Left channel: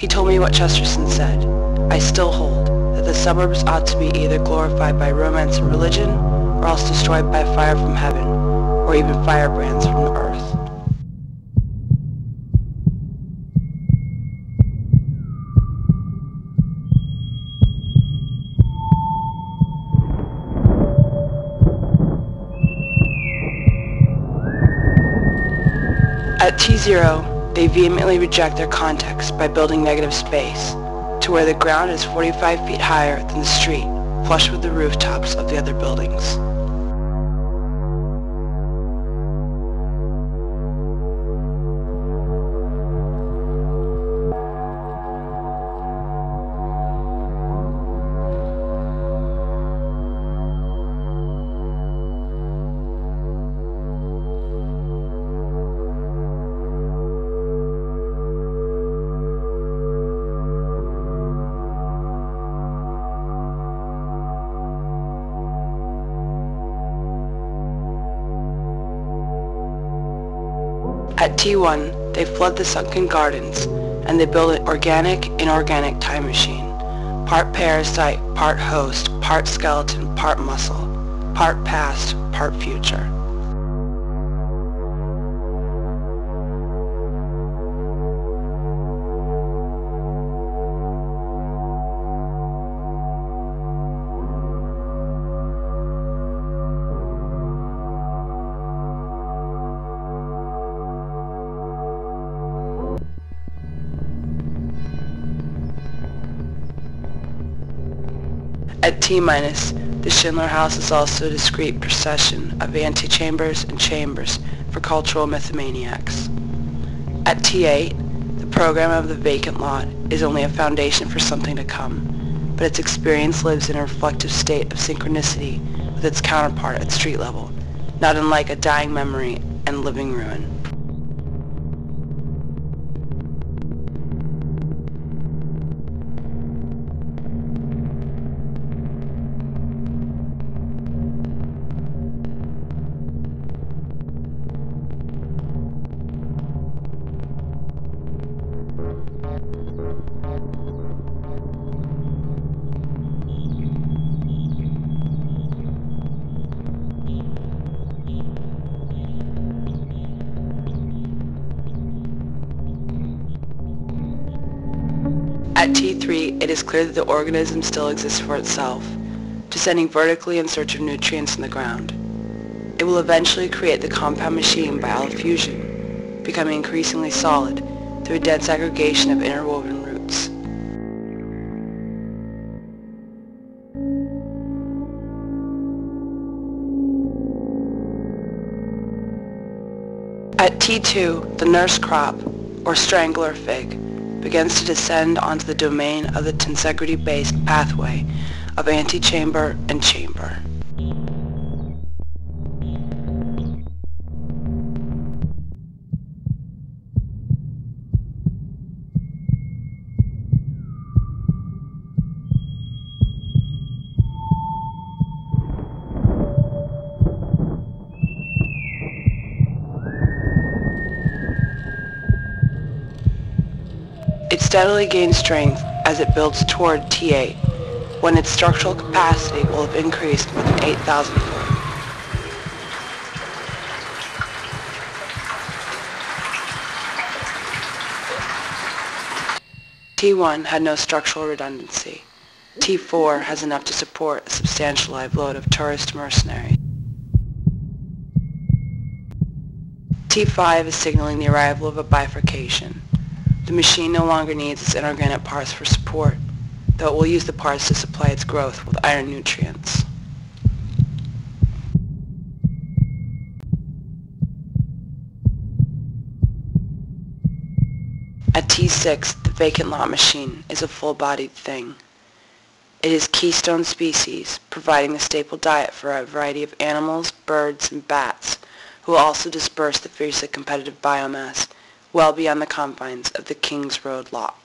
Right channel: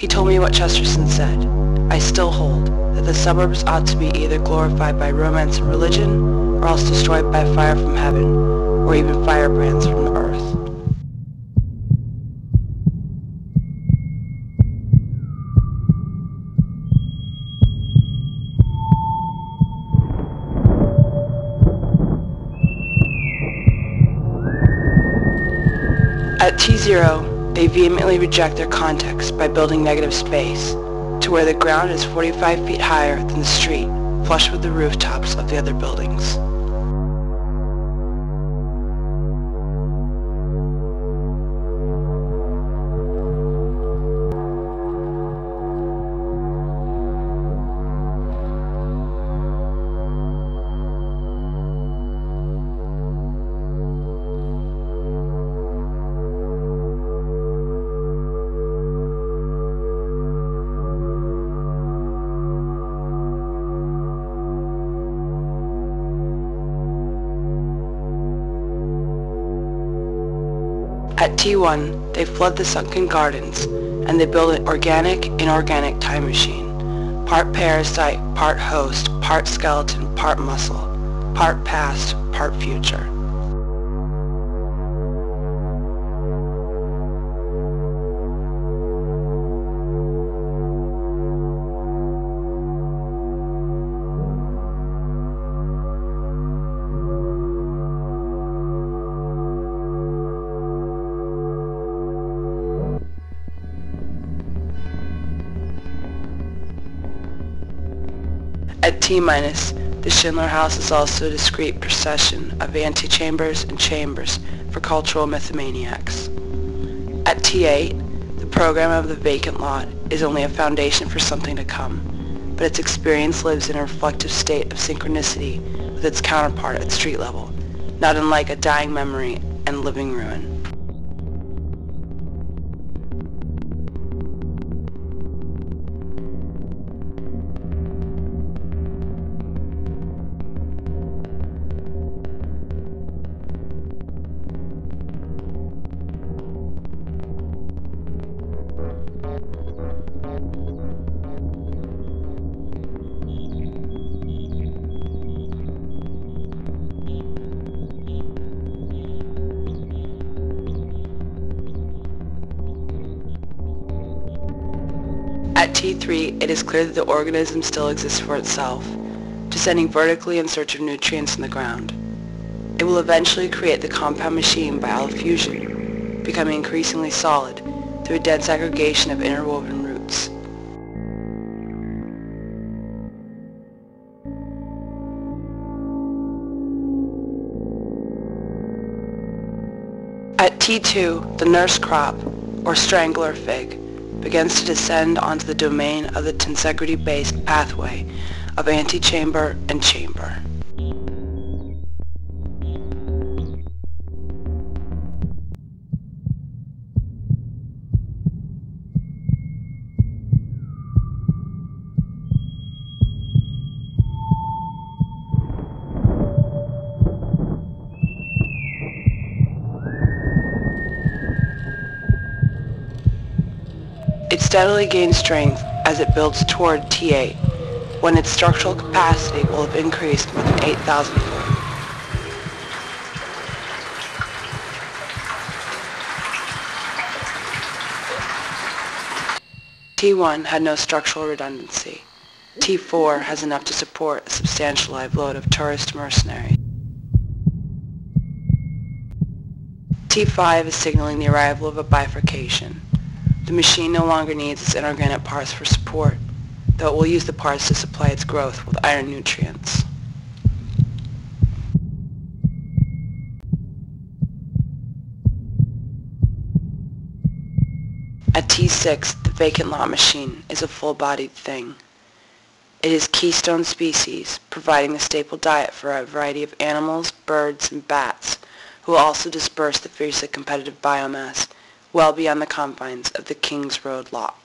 He told me what Chesterton said. I still hold that the suburbs ought to be either glorified by romance and religion, or else destroyed by fire from heaven, or even firebrands from the earth. At T0, they vehemently reject their context by building negative space, to where the ground is 45 feet higher than the street, flush with the rooftops of the other buildings. At T1, they flood the sunken gardens, and they build an organic, inorganic time machine. Part parasite, part host, part skeleton, part muscle. Part past, part future. At T-, the Schindler House is also a discrete procession of antechambers and chambers for cultural mythomaniacs. At T8, the program of the vacant lot is only a foundation for something to come, but its experience lives in a reflective state of synchronicity with its counterpart at street level, not unlike a dying memory and living ruin. At T3, it is clear that the organism still exists for itself, descending vertically in search of nutrients in the ground. It will eventually create the compound machine by allofusion, becoming increasingly solid through a dense aggregation of interwoven roots. At T2, the nurse crop, or strangler fig, begins to descend onto the domain of the tensegrity-based pathway of antechamber and chamber. It steadily gains strength as it builds toward T8, when its structural capacity will have increased more than 8,000-fold. T1 had no structural redundancy. T4 has enough to support a substantial live load of tourist mercenaries. T5 is signaling the arrival of a bifurcation. The machine no longer needs its inorganic parts for support, though it will use the parts to supply its growth with iron nutrients. At T6, the vacant lot machine is a full-bodied thing. It is keystone species, providing the staple diet for a variety of animals, birds, and bats, who will also disperse the fiercely competitive biomass well beyond the confines of the King's Road lot.